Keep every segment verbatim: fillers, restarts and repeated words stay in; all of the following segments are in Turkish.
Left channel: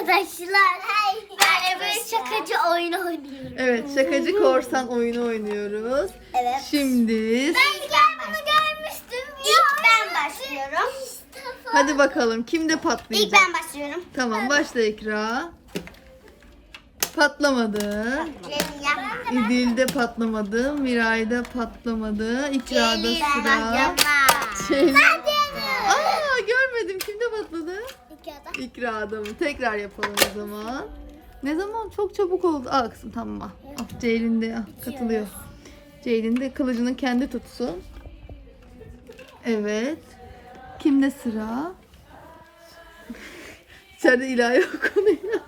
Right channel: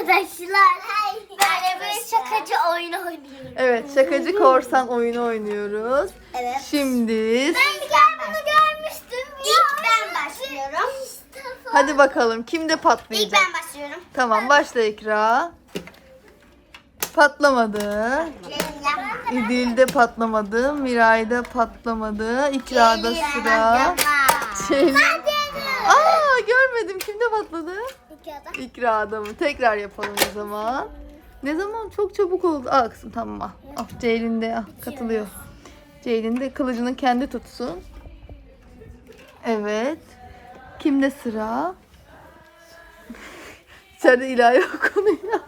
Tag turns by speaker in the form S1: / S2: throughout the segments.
S1: arkadaşlar. Ben böyle şakacı oyunu oynuyorum.
S2: Evet, şakacı korsan oyunu oynuyoruz.
S1: Evet.
S2: Şimdi
S1: Ben bunu görmüştüm. İlk ben başlıyorum.
S2: hadi bakalım kimde
S1: İlk
S2: patlayacak?
S1: ben başlıyorum.
S2: Tamam, başla İkra. Patlamadı. İdil'de patlamadı. Miray'da patlamadı. İkra'da sıra. Şey... Aa, görmedim. Kimde patladı? İkra'da mı? Tekrar yapalım o zaman. Ne zaman? Çok çabuk oldu. Aa kızım tamam al. Ah, Ceylin de ah, katılıyor. Ceylin de kılıcını kendi tutsun. Evet. Kimde sıra? İçeride ilahi okunuyor.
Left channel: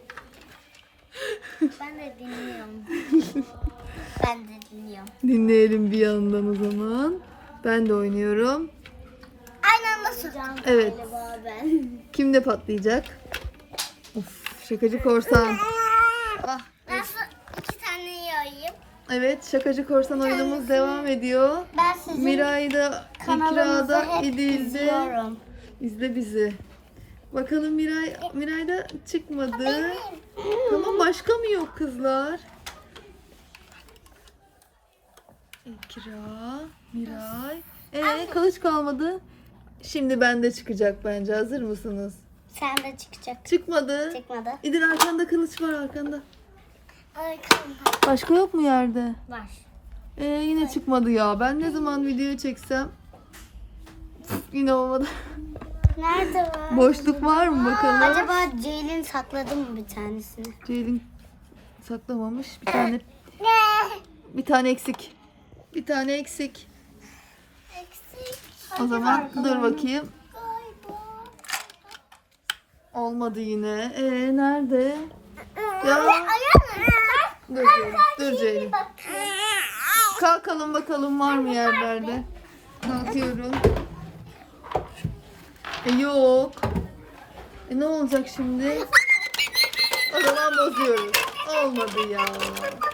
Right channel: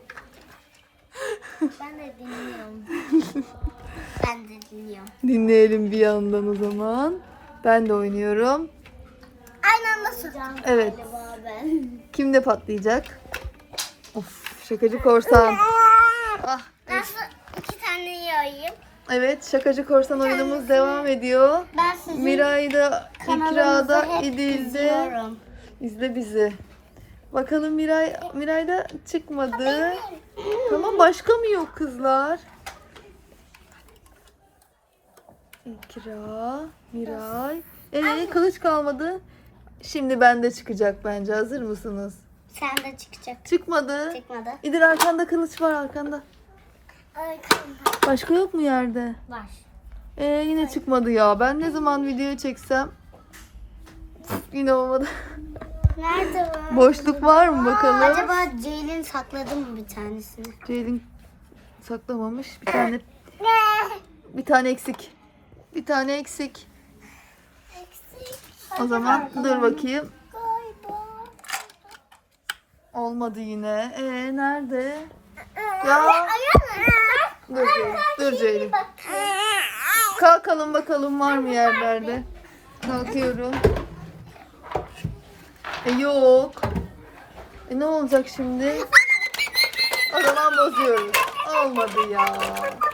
S1: Ben de dinliyorum. Ben de dinliyorum.
S2: Dinleyelim bir yandan o zaman. Ben de oynuyorum.
S1: Aynı anda soracağım.
S2: Evet. Kimde patlayacak? Of, şakacı korsan. Ah,
S1: Nasıl iki tane yayayım?
S2: evet, şakacı korsan oyunumuz devam ediyor.
S1: Ben sizin
S2: Miray'da, İkra'da,
S1: hep
S2: İdil'de.
S1: izliyorum.
S2: İzle bizi. Bakalım Miray, Miray'da çıkmadı. Tamam, başka mı yok kızlar? İkra, Miray. Ee, kılıç kalmadı. Şimdi bende çıkacak bence. Hazır mısınız?
S1: Sen de çıkacak.
S2: Çıkmadı.
S1: Çıkmadı.
S2: İdil arkanda kılıç var arkanda.
S1: Arkamda
S2: Başka yok mu yerde?
S1: var.
S2: Ee, yine çıkmadı ya. Ben ne zaman video çeksem yine olmadı.
S1: Nerede var?
S2: Boşluk var mı bakalım?
S1: Acaba Ceylin sakladı mı bir tanesini?
S2: Ceylin saklamamış. Bir tane bir tane eksik. Bir tane eksik.
S1: Eksik.
S2: O zaman dur bakayım.
S1: Galiba.
S2: Olmadı yine. Ee nerede? Ya dur Ceylin. Dur Ceylin. Kalkalım bakalım var mı yerlerde? Kalkıyorum. E, yok. E, ne olacak şimdi? O zaman bozuyoruz. Olmadı ya.